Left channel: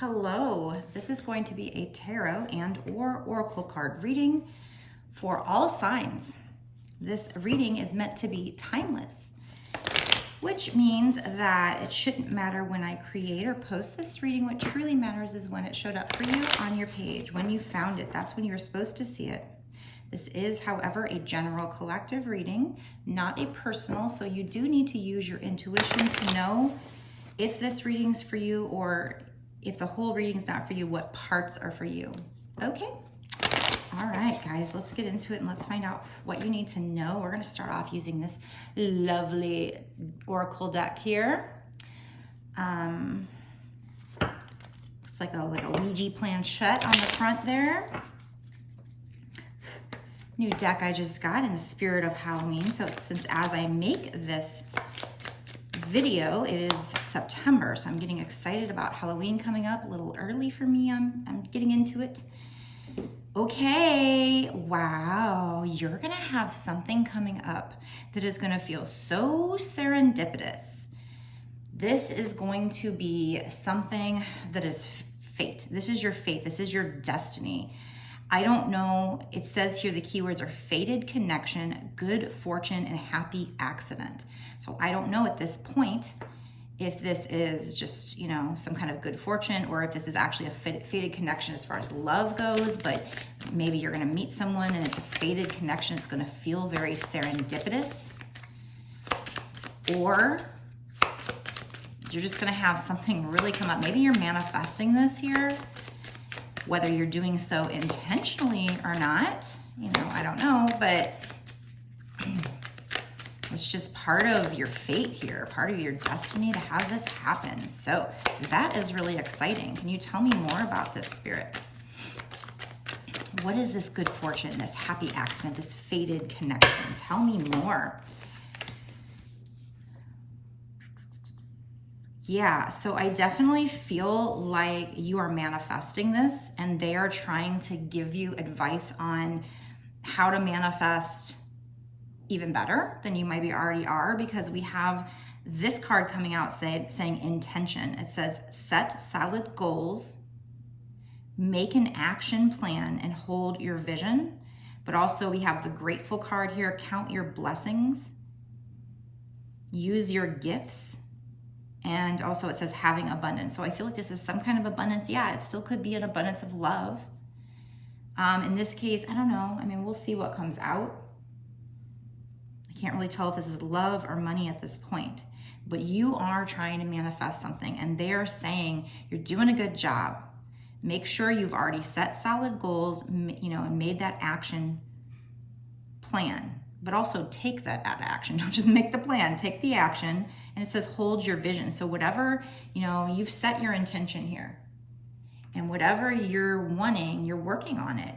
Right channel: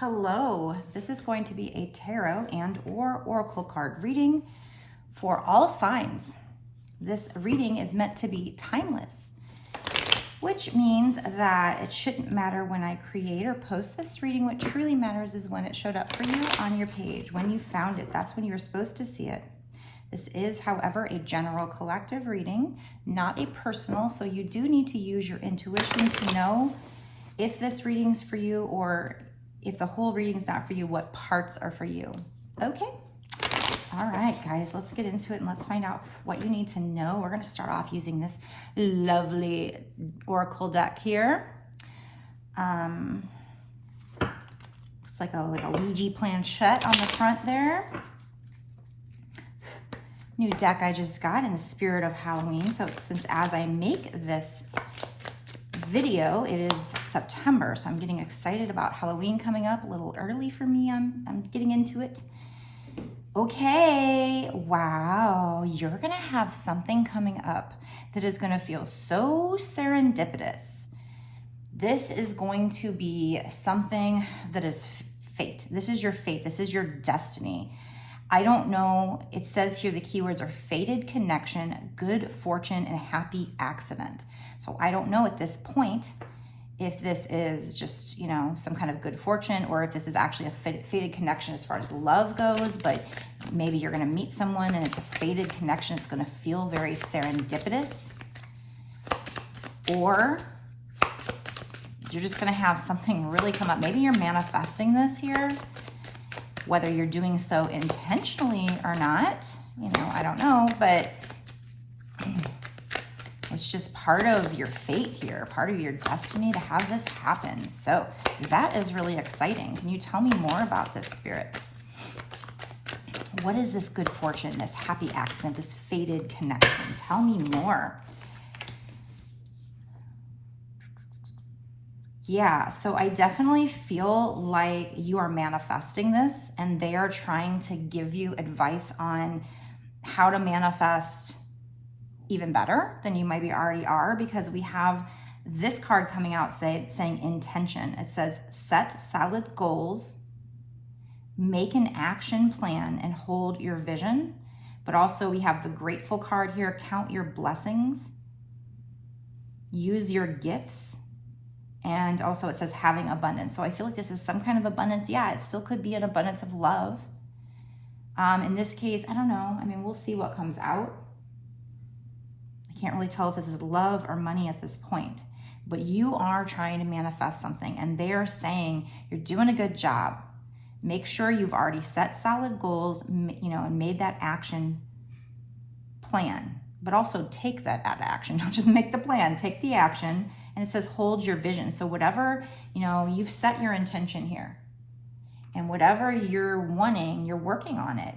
Hello, this is going to be a tarot and or oracle card reading for all signs. This reading is meant to be timeless, which means that it shouldn't matter when I create or post this reading. What truly matters is when it showed up for you on your page, when you found it. That's when you were supposed to see it. This is, however, a general collective reading, not a personal, so you do need to use your intuition to know if this reading's for you, or if the whole reading's not for you, what parts are for you. Okay. All right, guys, let's get into it and let's find out what you need to know. We're going to start off using this lovely oracle deck here. Looks like a Ouija planchette on the front there. New deck I just got in the spirit of Halloween. So since as I make this video, it is September, so I'm getting excited about Halloween coming up. A little early for me. I'm getting into it. Okay, wow, you're gonna have something coming up that is gonna feel so serendipitous. This is going to be something that is fate. This is your fate. This is your destiny. I don't know, it says here the keywords are fated connection, good fortune, and happy accident. So I don't know at this point if this is just, you know, some kind of good fortune, or if this is actually a fated connection as far as love goes, but maybe you're gonna meet someone and it's a fated connection. It's gonna feel very serendipitous. Or you're just gonna have something really come up. Maybe you're manifesting this here, whether you're doing so intentionally or not, you know, I don't know, but it's just part of your fate here, part of your destiny to have this happen. So that is really exciting. Can you tell me more about this, spirits? What is this good fortune, this happy accident, this fated connection? Tell me more. Yeah, so I definitely feel like you are manifesting this, and they are trying to give you advice on how to manifest even better than you maybe already are, because we have this card coming out saying intention. It says set solid goals, make an action plan, and hold your vision. But also we have the grateful card here, count your blessings, use your gifts. And also it says having abundance. So I feel like this is some kind of abundance. Yeah, it still could be an abundance of love. In this case, I don't know. I mean, we'll see what comes out. I can't really tell if this is love or money at this point. But you are trying to manifest something, and they are saying you're doing a good job. Make sure you've already set solid goals, you know, and made that action plan. But also take that action. Don't just make the plan, take the action. And it says hold your vision. So whatever, you know, you've set your intention here. And whatever you're wanting, you're working on it.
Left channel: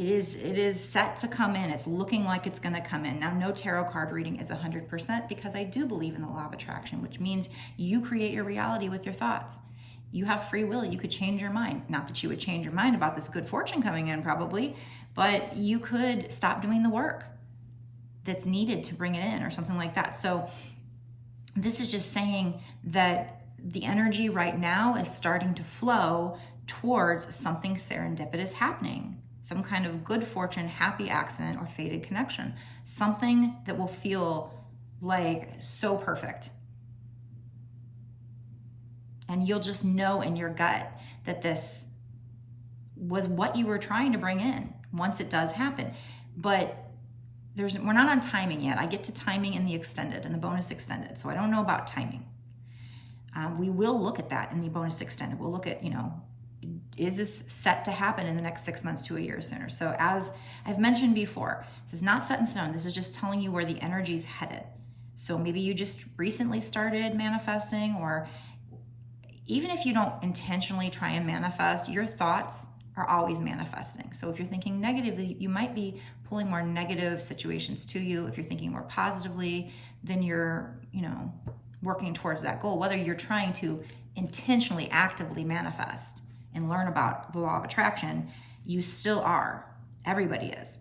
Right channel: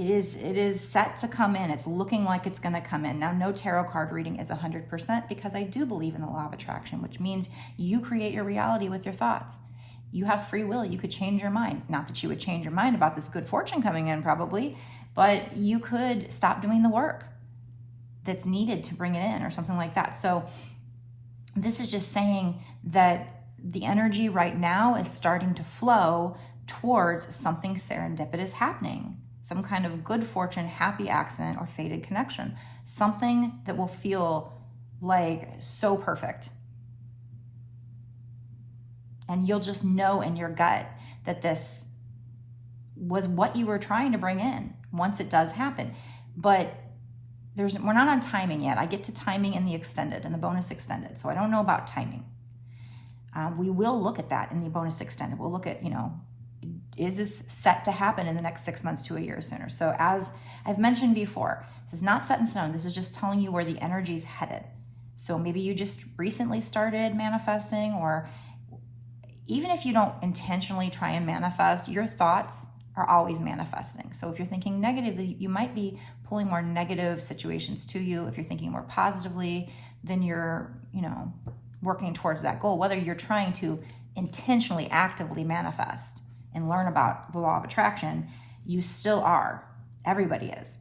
It is set to come in. It's looking like it's going to come in. Now, no tarot card reading is 100%, because I do believe in the law of attraction, which means you create your reality with your thoughts. You have free will. You could change your mind. Not that you would change your mind about this good fortune coming in probably, but you could stop doing the work that's needed to bring it in or something like that. So this is just saying that the energy right now is starting to flow towards something serendipitous happening, some kind of good fortune, happy accident, or fated connection, something that will feel like so perfect. And you'll just know in your gut that this was what you were trying to bring in once it does happen. But we're not on timing yet. I get to timing in the extended, in the bonus extended. So I don't know about timing. We will look at that in the bonus extended. We'll look at, you know, is this set to happen in the next 6 months to a year sooner? So as I've mentioned before, this is not set in stone. This is just telling you where the energy is headed. So maybe you just recently started manifesting, or even if you don't intentionally try and manifest, your thoughts are always manifesting. So if you're thinking negatively, you might be pulling more negative situations to you. If you're thinking more positively, then you're, you know, working towards that goal. Whether you're trying to intentionally, actively manifest and learn about the law of attraction, you still are. Everybody is.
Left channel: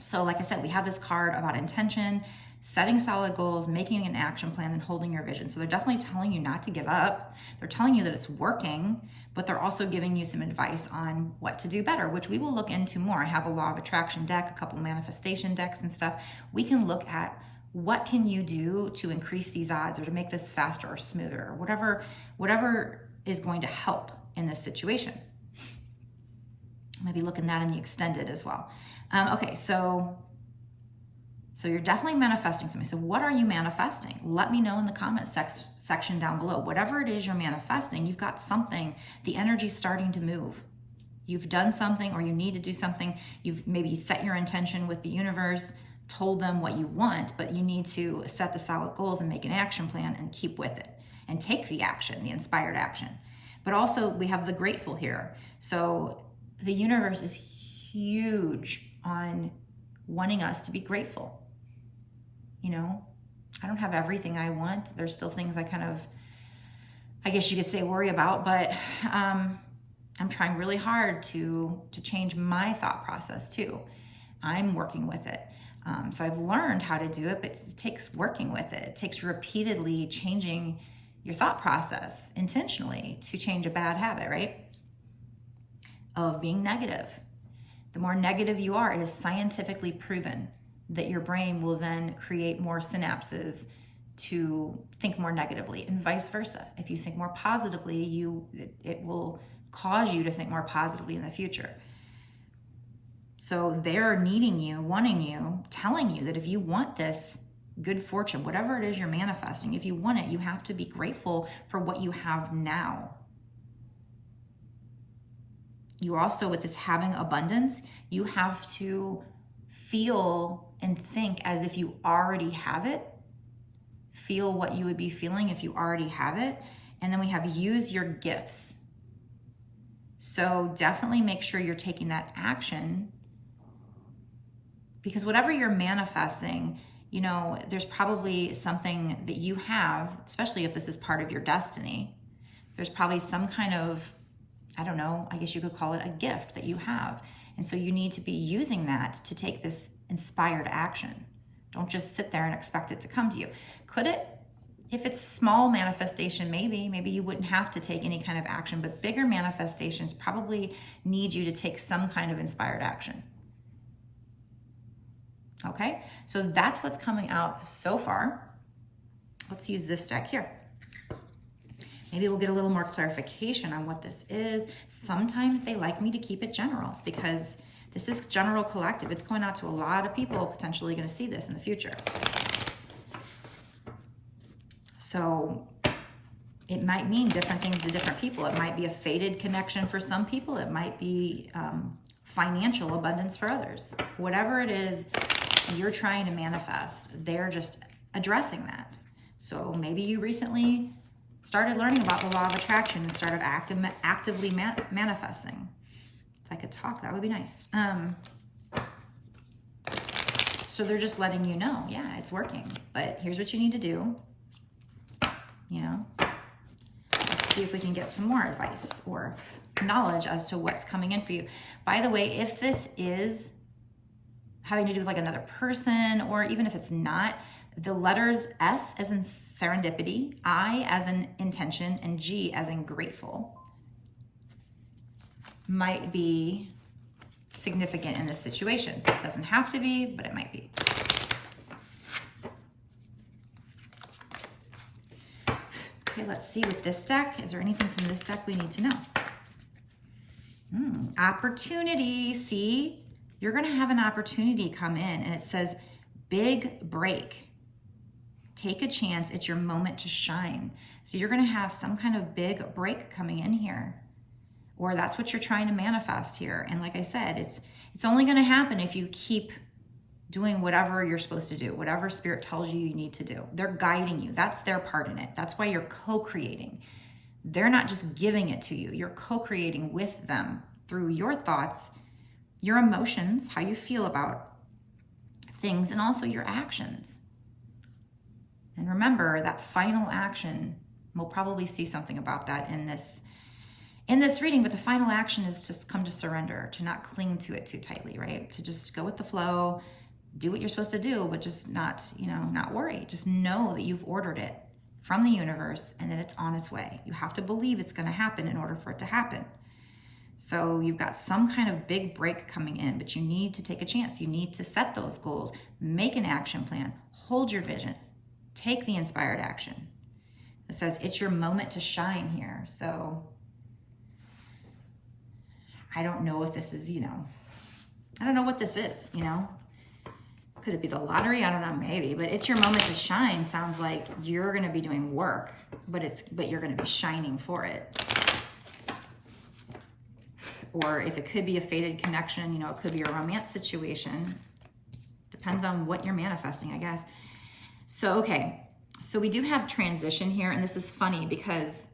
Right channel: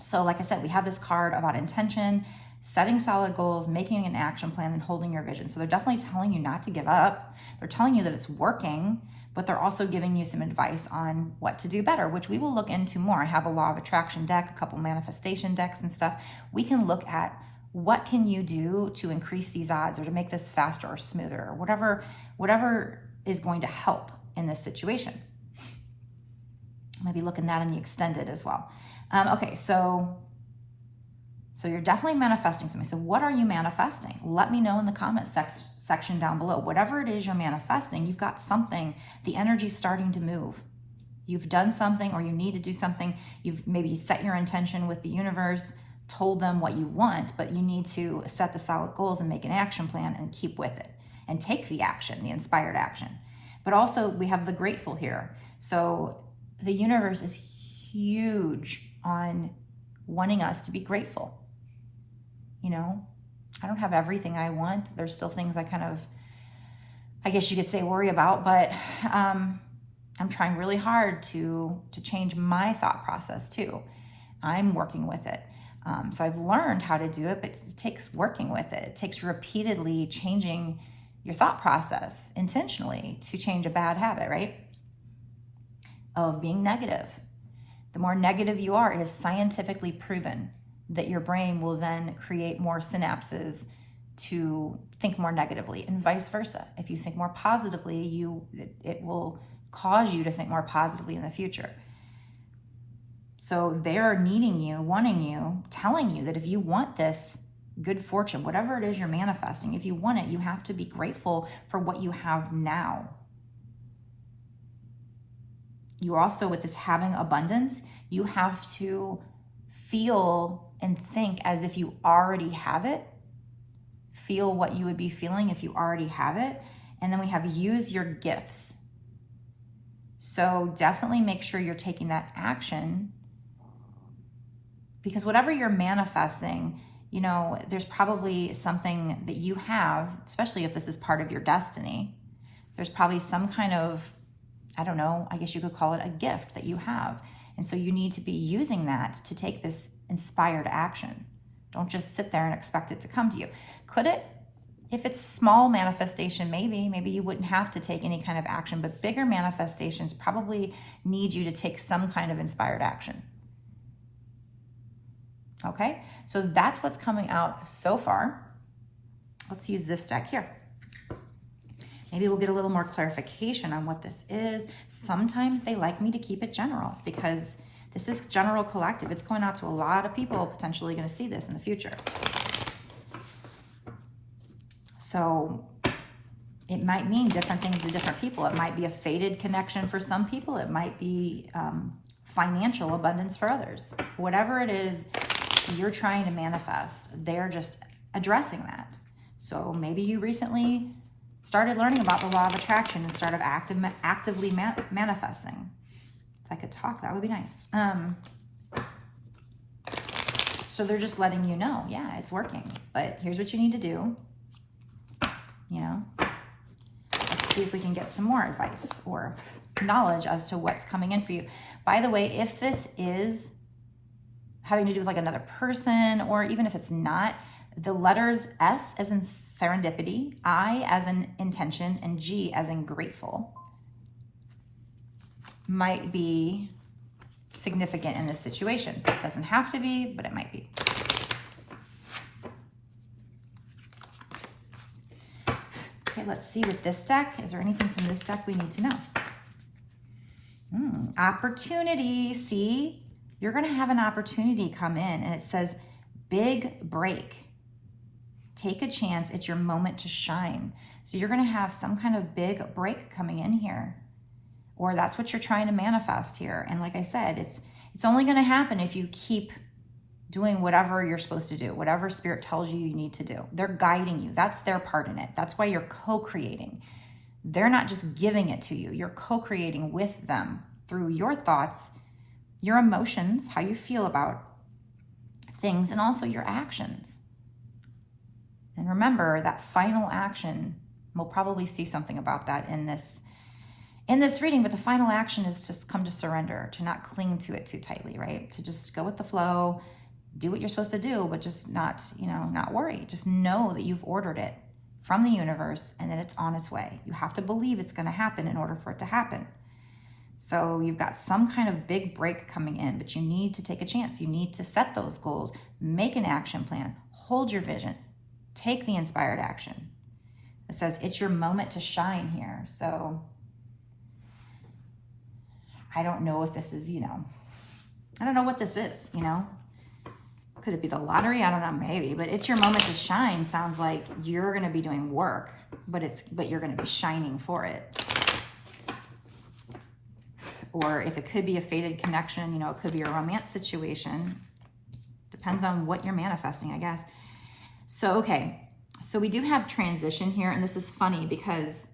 So like I said, we have this card about intention, setting solid goals, making an action plan, and holding your vision. So they're definitely telling you not to give up. They're telling you that it's working, but they're also giving you some advice on what to do better, which we will look into more. I have a law of attraction deck, a couple manifestation decks and stuff. We can look at what can you do to increase these odds or to make this faster or smoother or whatever is going to help in this situation. Maybe look at that in the extended as well. Okay, so you're definitely manifesting something. So what are you manifesting? Let me know in the comment section down below. Whatever it is you're manifesting, you've got something, the energy's starting to move. You've done something or you need to do something. You've maybe set your intention with the universe, told them what you want, but you need to set the solid goals and make an action plan and keep with it and take the action, the inspired action. But also we have the grateful here. So the universe is huge on wanting us to be grateful. You know, I don't have everything I want. There's still things I kind of, I guess you could say, worry about, but I'm trying really hard to change my thought process too. I'm working with it. So I've learned how to do it, but it takes working with it. It takes repeatedly changing your thought process intentionally to change a bad habit, right? Of being negative. The more negative you are, it is scientifically proven that your brain will then create more synapses to think more negatively, and vice versa. If you think more positively, it will cause you to think more positively in the future. So they're needing you, wanting you, telling you that if you want this good fortune, whatever it is you're manifesting, if you want it, you have to be grateful for what you have now. You also, with this having abundance, you have to feel and think as if you already have it. Feel what you would be feeling if you already have it. And then we have use your gifts. So definitely make sure you're taking that action, because whatever you're manifesting, you know, there's probably something that you have, especially if this is part of your destiny. There's probably some kind of, I don't know, I guess you could call it a gift that you have. And so you need to be using that to take this inspired action. Don't just sit there and expect it to come to you. Could it? If it's small manifestation, maybe you wouldn't have to take any kind of action, but bigger manifestations probably need you to take some kind of inspired action. Okay, so that's what's coming out so far. Let's use this deck here. Maybe we'll get a little more clarification on what this is. Sometimes they like me to keep it general because this is general collective. It's going out to a lot of people potentially going to see this in the future. So it might mean different things to different people. It might be a fated connection for some people. It might be financial abundance for others. Whatever it is you're trying to manifest, they're just addressing that. So maybe you recently started learning about the law of attraction and started actively manifesting. If I could talk, that would be nice. So they're just letting you know, yeah, it's working, but here's what you need to do. You know, let's see if we can get some more advice or knowledge as to what's coming in for you. By the way, if this is having to do with like another person, or even if it's not, the letters S as in serendipity, I as in intention, and G as in grateful might be significant in this situation. It doesn't have to be, but it might be. Okay, let's see with this deck. Is there anything from this deck we need to know? Opportunity. See, you're going to have an opportunity come in, and it says big break. Take a chance. It's your moment to shine. So you're going to have some kind of big break coming in here, or that's what you're trying to manifest here. And like I said, it's only going to happen if you keep doing whatever you're supposed to do, whatever spirit tells you you need to do. They're guiding you. That's their part in it. That's why you're co-creating. They're not just giving it to you. You're co-creating with them through your thoughts, your emotions, how you feel about things, and also your actions. And remember that final action, we'll probably see something about that in this reading, but the final action is to come to surrender, to not cling to it too tightly, right? To just go with the flow, do what you're supposed to do, but just not, not worry. Just know that you've ordered it from the universe and that it's on its way. You have to believe it's going to happen in order for it to happen. So you've got some kind of big break coming in, but you need to take a chance. You need to set those goals, make an action plan, hold your vision, take the inspired action. It says it's your moment to shine here. So I don't know if this is, I don't know what this is, Could it be the lottery? I don't know, maybe. But it's your moment to shine sounds like you're going to be doing work, but you're going to be shining for it. Or if it could be a fated connection, it could be a romance situation. Depends on what you're manifesting, I guess. So, okay. So we do have transition here, and this is funny because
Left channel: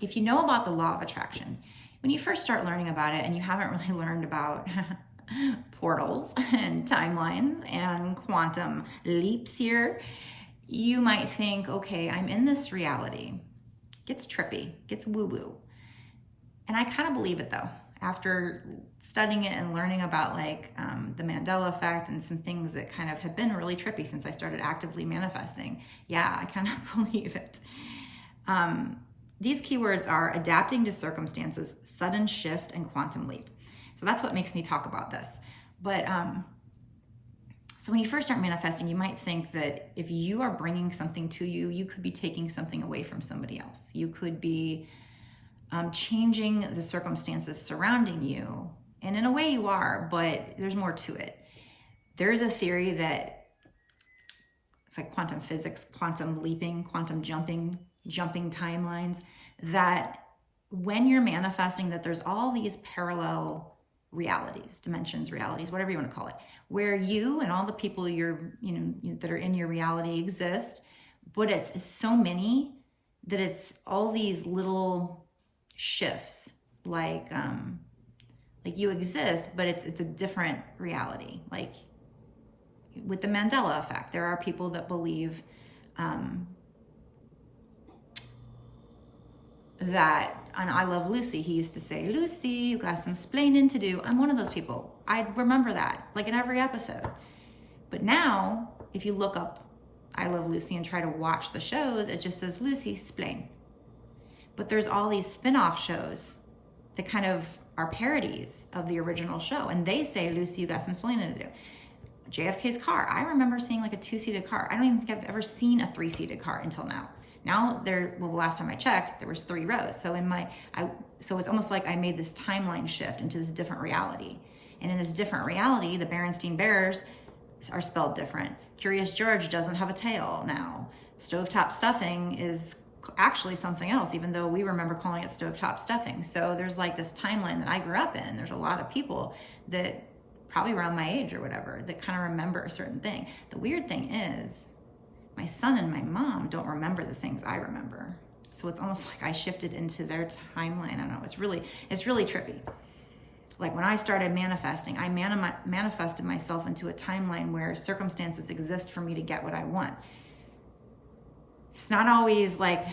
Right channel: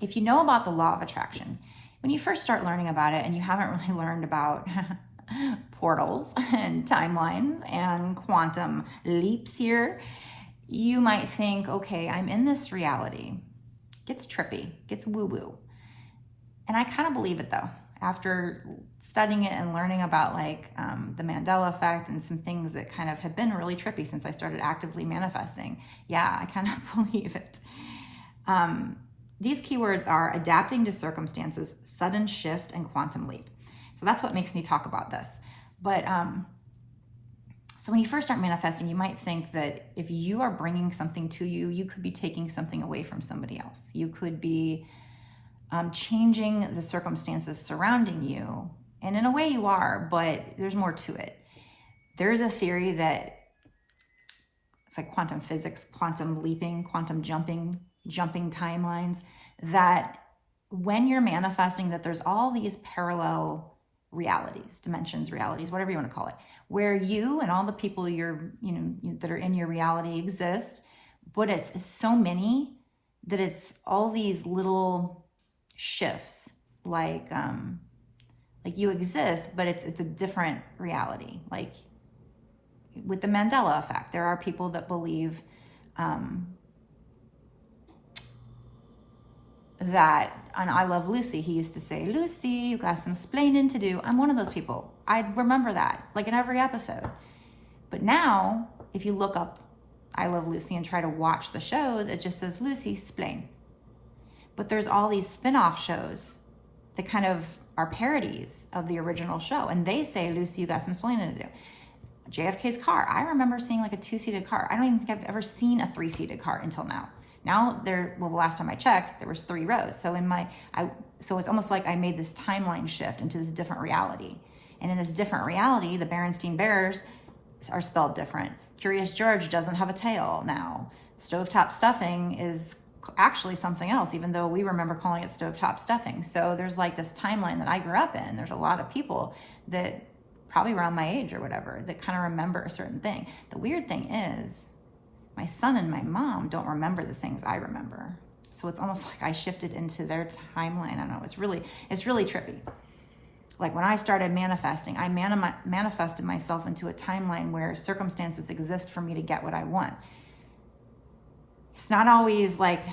if you know about the law of attraction, when you first start learning about it and you haven't really learned about portals and timelines and quantum leaps here, you might think, okay, I'm in this reality. Gets trippy, gets woo-woo. And I kind of believe it though. After studying it and learning about the Mandela effect and some things that kind of have been really trippy since I started actively manifesting. Yeah, I kind of believe it. These keywords are adapting to circumstances, sudden shift, and quantum leap. So that's what makes me talk about this. But so when you first start manifesting, you might think that if you are bringing something to you, you could be taking something away from somebody else. You could be changing the circumstances surrounding you. And in a way you are, but there's more to it. There's a theory that it's like quantum physics, quantum leaping, quantum jumping timelines, that when you're manifesting, that there's all these parallel realities, dimensions, realities, whatever you want to call it, where you and all the people that are in your reality exist, but it's so many that it's all these little shifts, like you exist, but it's a different reality. Like with the Mandela effect, there are people that believe that on I Love Lucy, he used to say, Lucy, you got some splaining to do. I'm one of those people. I remember that, like in every episode. But now, if you look up I Love Lucy and try to watch the shows, it just says Lucy, splain. But there's all these spin-off shows that kind of are parodies of the original show. And they say, Lucy, you got some splaining to do. JFK's car. I remember seeing like a 2-seated car. I don't even think I've ever seen a 3-seated car until now. Now the last time I checked, there was 3 rows. So so it's almost like I made this timeline shift into this different reality. And in this different reality, the Berenstain Bears are spelled different. Curious George doesn't have a tail now. Stovetop stuffing is actually something else, even though we remember calling it stovetop stuffing. So there's like this timeline that I grew up in. There's a lot of people that probably around my age or whatever that kind of remember a certain thing. The weird thing is my son and my mom don't remember the things I remember. So it's almost like I shifted into their timeline. I don't know. It's really trippy. Like when I started manifesting, I manifested myself into a timeline where circumstances exist for me to get what I want. It's not always like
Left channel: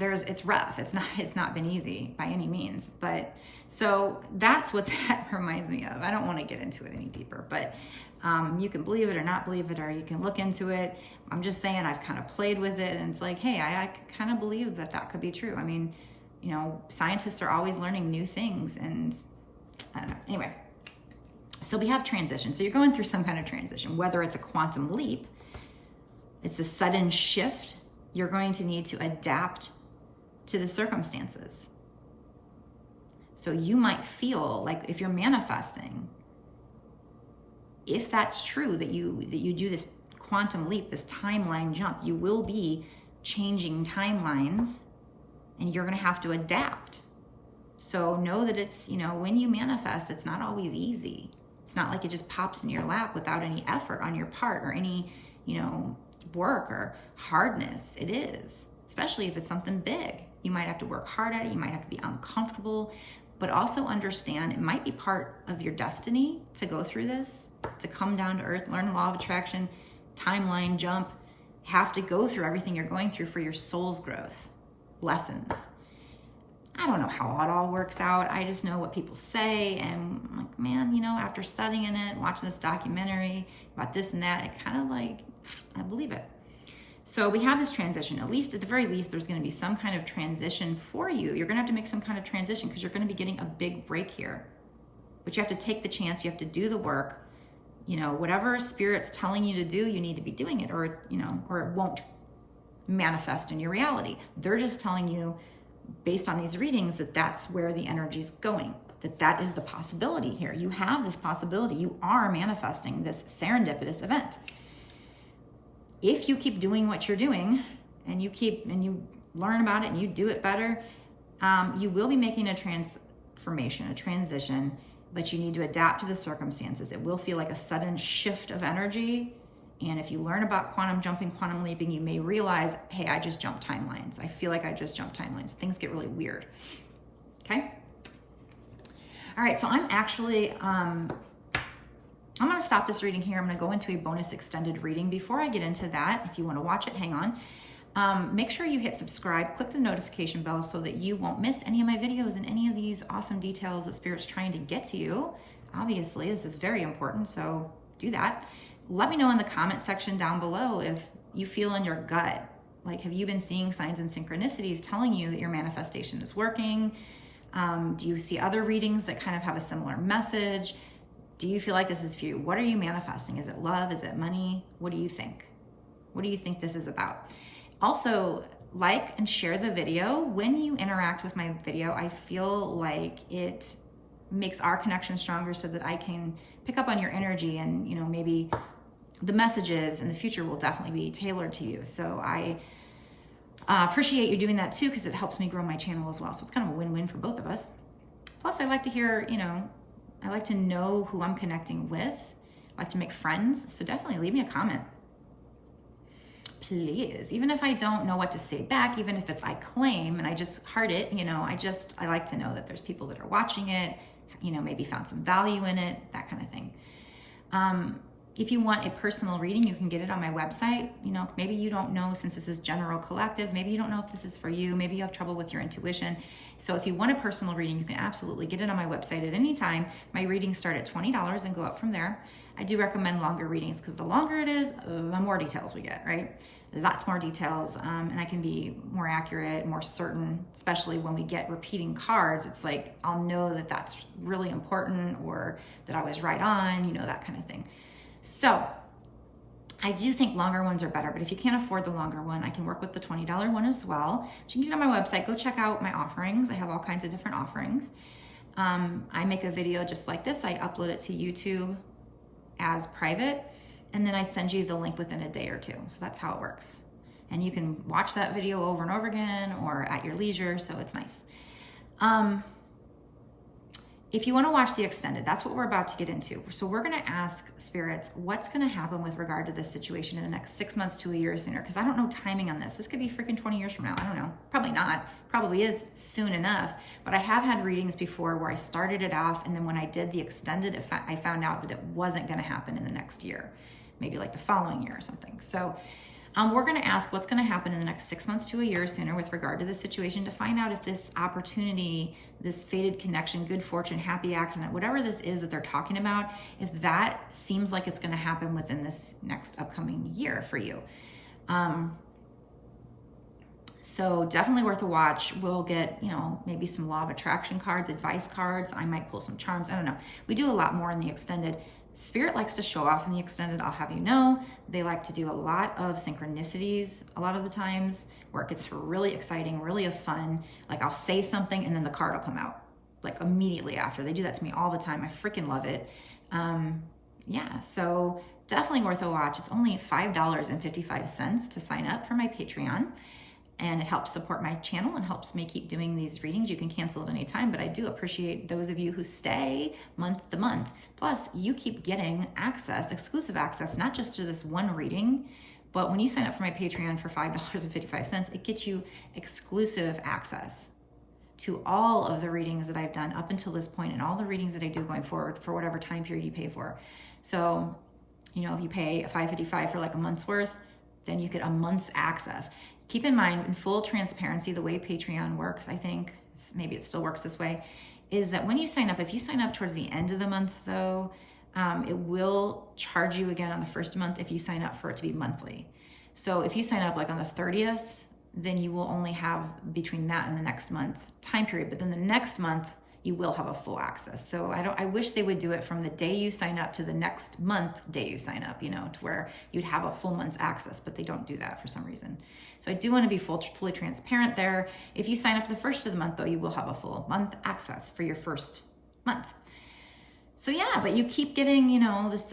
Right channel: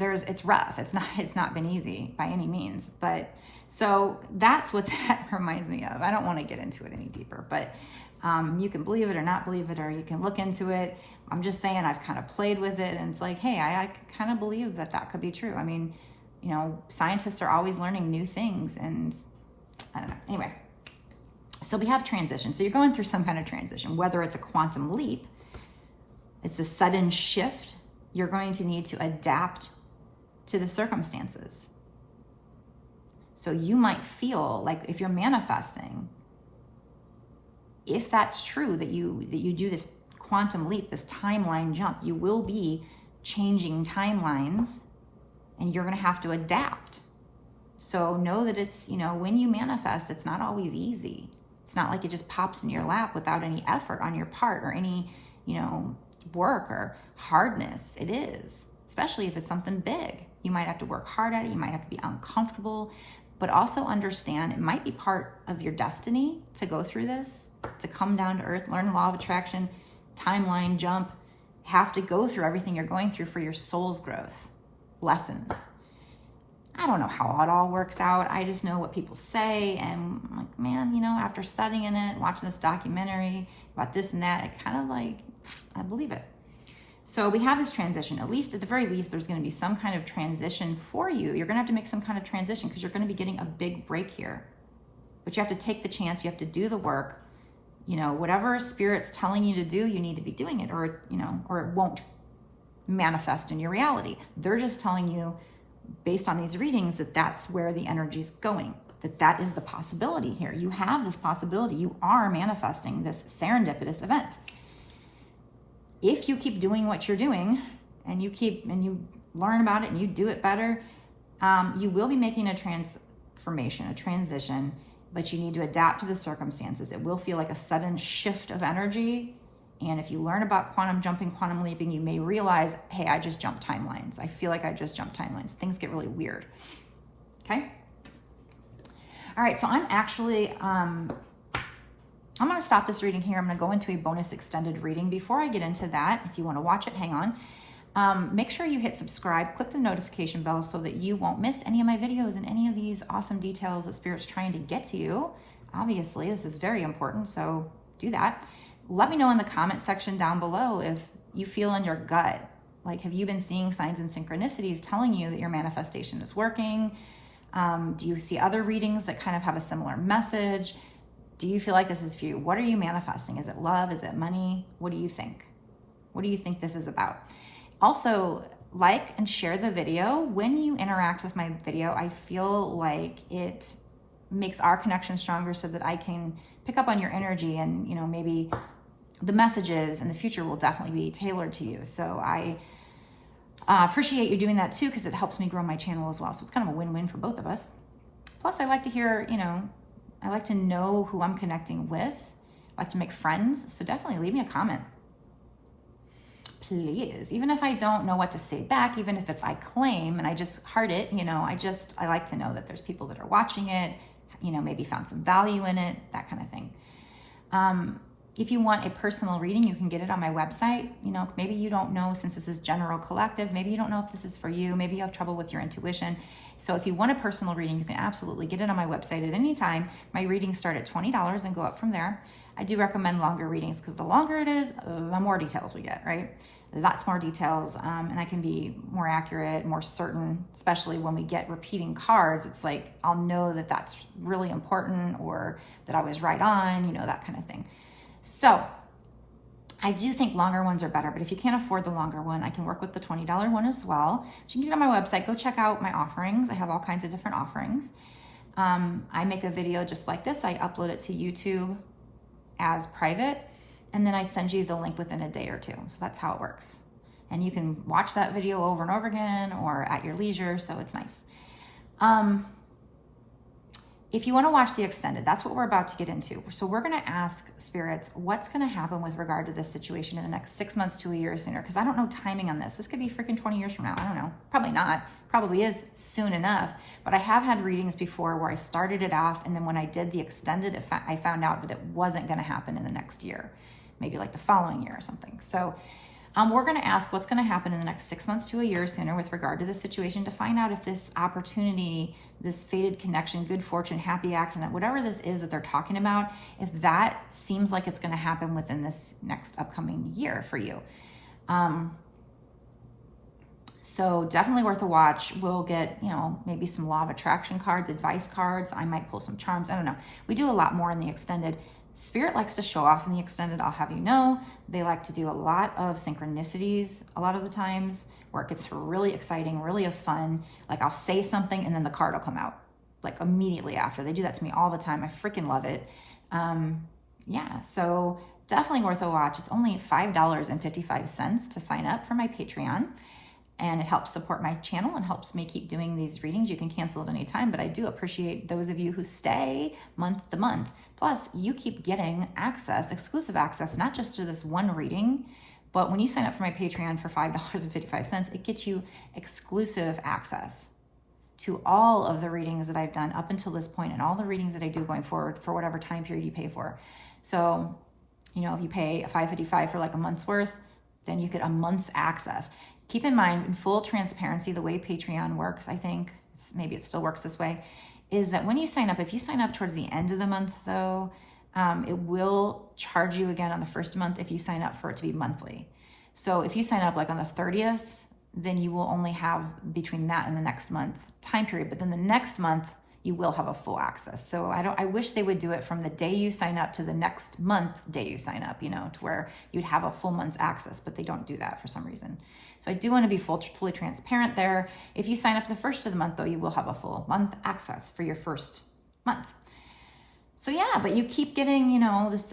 it's rough. It's not been easy by any means. But so that's what that reminds me of. I don't want to get into it any deeper, but you can believe it or not believe it, or you can look into it. I'm just saying I've kind of played with it, and it's like, hey, I kind of believe that could be true. I mean, scientists are always learning new things, and I don't know. Anyway, so we have transition. So you're going through some kind of transition, whether it's a quantum leap, it's a sudden shift. You're going to need to adapt to the circumstances. So you might feel like if you're manifesting, if that's true, that you do this quantum leap, this timeline jump, you will be changing timelines and you're going to have to adapt. So know that it's, when you manifest, it's not always easy. It's not like it just pops in your lap without any effort on your part or any, work or hardness. It is, especially if it's something big. You might have to work hard at it. You might have to be uncomfortable, but also understand it might be part of your destiny to go through this, to come down to earth, learn the law of attraction, timeline jump, have to go through everything you're going through for your soul's growth, lessons. I don't know how it all works out. I just know what people say. And I'm like, man, you know, after studying it, watching this documentary about this and that, it kind of like, I believe it. So we have this transition. At least, at the very least, there's going to be some kind of transition for you. You're going to have to make some kind of transition because you're going to be getting a big break here. But you have to take the chance. You have to do the work. You know, whatever Spirit's telling you to do, you need to be doing it, or, you know, or it won't manifest in your reality. They're just telling you, based on these readings, that that's where the energy is going, that is the possibility here. You have this possibility. You are manifesting this serendipitous event. If you keep doing what you're doing and you learn about it and you do it better, you will be making a transformation, a transition, but you need to adapt to the circumstances. It will feel like a sudden shift of energy. And if you learn about quantum jumping, quantum leaping, you may realize, hey, I just jumped timelines. I feel like I just jumped timelines. Things get really weird. Okay. All right. So I'm actually, I'm going to stop this reading here. I'm going to go into a bonus extended reading. Before I get into that, if you want to watch it, hang on. Make sure you hit subscribe, click the notification bell so that you won't miss any of my videos and any of these awesome details that Spirit's trying to get to you. Obviously, this is very important, so do that. Let me know in the comment section down below if you feel in your gut, like, have you been seeing signs and synchronicities telling you that your manifestation is working? Do you see other readings that kind of have a similar message? Do you feel like this is for you? What are you manifesting? Is it love? Is it money? What do you think? What do you think this is about? Also, like and share the video. When you interact with my video, I feel like it makes our connection stronger so that I can pick up on your energy, and, you know, maybe the messages in the future will definitely be tailored to you. So I appreciate you doing that too, because it helps me grow my channel as well. So it's kind of a win-win for both of us. Plus, I like to hear, you know, I like to know who I'm connecting with. I like to make friends. So definitely leave me a comment. Please. Even if I don't know what to say back, even if it's I claim and I just heart it, you know, I like to know that there's people that are watching it, you know, maybe found some value in it, that kind of thing. If you want a personal reading, you can get it on my website. You know, maybe you don't know, since this is general collective, maybe you don't know if this is for you. Maybe you have trouble with your intuition. So if you want a personal reading, you can absolutely get it on my website at any time. My readings start at $20 and go up from there. I do recommend longer readings because the longer it is, the more details we get, right? Lots more details, and I can be more accurate, more certain, especially when we get repeating cards. It's like, I'll know that that's really important, or that I was right on, you know, that kind of thing. So I do think longer ones are better, but if you can't afford the longer one, I can work with the $20 one as well. You can get on my website, go check out my offerings. I have all kinds of different offerings. I make a video just like this. I upload it to YouTube as private, and then I send you the link within a day or two. So that's how it works. And you can watch that video over and over again or at your leisure, so it's nice. If you want to watch the extended, that's what we're about to get into. So we're going to ask spirits what's going to happen with regard to this situation in the next 6 months to a year sooner, because I don't know timing on this. This could be freaking 20 years from now. I don't know. Probably not. Probably is soon enough. But I have had readings before where I started it off, and then when I did the extended, I found out that it wasn't going to happen in the next year, maybe like the following year or something. So we're going to ask what's going to happen in the next 6 months to a year sooner with regard to the situation, to find out if this opportunity, this fated connection, good fortune, happy accident, whatever this is that they're talking about, if that seems like it's going to happen within this next upcoming year for you. So definitely worth a watch. We'll get, you know, maybe some law of attraction cards, advice cards. I might pull some charms. I don't know. We do a lot more in the extended. Spirit likes to show off in the extended, I'll have you know. They like to do a lot of synchronicities a lot of the times, where it gets really exciting, really fun. Like, I'll say something and then the card will come out like immediately after. They do that to me all the time. I freaking love it. Yeah, so definitely worth a watch. It's only $5.55 to sign up for my Patreon. And it helps support my channel and helps me keep doing these readings. You can cancel at any time, but I do appreciate those of you who stay month to month. Plus, you keep getting access, exclusive access, not just to this one reading, but when you sign up for my Patreon for $5.55, it gets you exclusive access to all of the readings that I've done up until this point, and all the readings that I do going forward for whatever time period you pay for. So, you know, if you pay $5.55 for like a month's worth, then you get a month's access. keep in mind, in full transparency, the way Patreon works, I think, maybe it still works this way, is that when you sign up, if you sign up towards the end of the month though, it will charge you again on the first month if you sign up for it to be monthly. So if you sign up like on the 30th, then you will only have between that and the next month time period, but then the next month you will have a full access. So I wish they would do it from the day you sign up to the next month day you sign up, to where you'd have a full month's access, but they don't do that for some reason. So I do want to be fully transparent there. If you sign up the first of the month though, you will have a full month access for your first month. So yeah, but you keep getting, this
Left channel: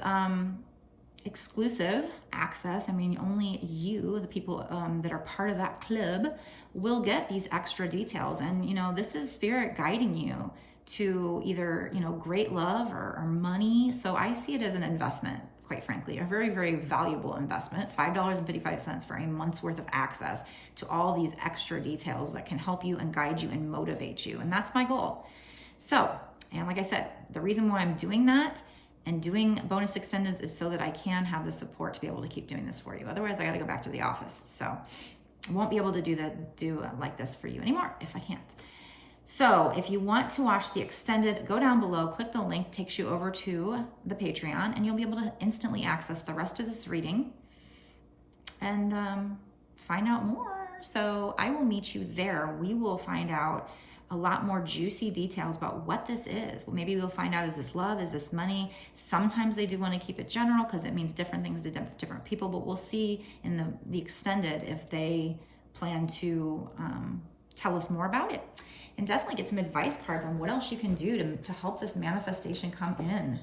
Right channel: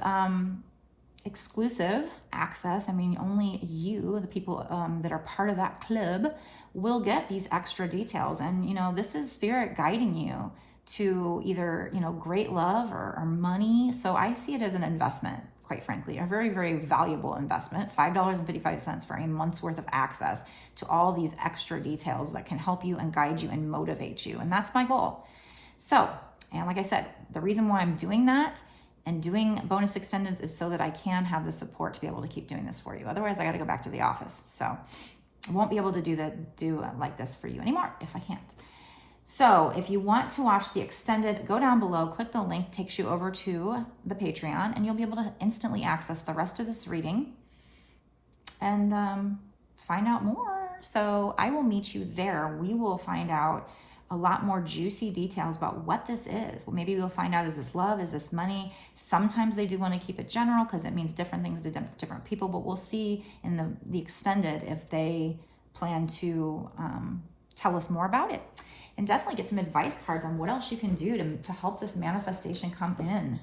exclusive access. I mean, only you, the people that are part of that club, will get these extra details. And, this is spirit guiding you to either, great love or money. So I see it as an investment, quite frankly, a very, very valuable investment, $5.55 for a month's worth of access to all these extra details that can help you and guide you and motivate you. And that's my goal. So, and like I said, the reason why I'm doing that and doing bonus extendeds is so that I can have the support to be able to keep doing this for you. Otherwise, I got to go back to the office. So I won't be able to do like this for you anymore if I can't. So if you want to watch the extended, go down below, click the link, takes you over to the Patreon, and you'll be able to instantly access the rest of this reading and find out more. So I will meet you there. We will find out a lot more juicy details about what this is. Well, maybe we'll find out, is this love? Is this money? Sometimes they do want to keep it general because it means different things to different people, but we'll see in the extended if they plan to tell us more about it. And definitely get some advice cards on what else you can do to help this manifestation come in.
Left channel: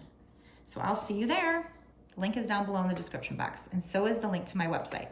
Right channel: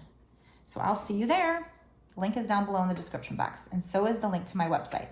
So I'll see you there. Link is down below in the description box. And so is the link to my website.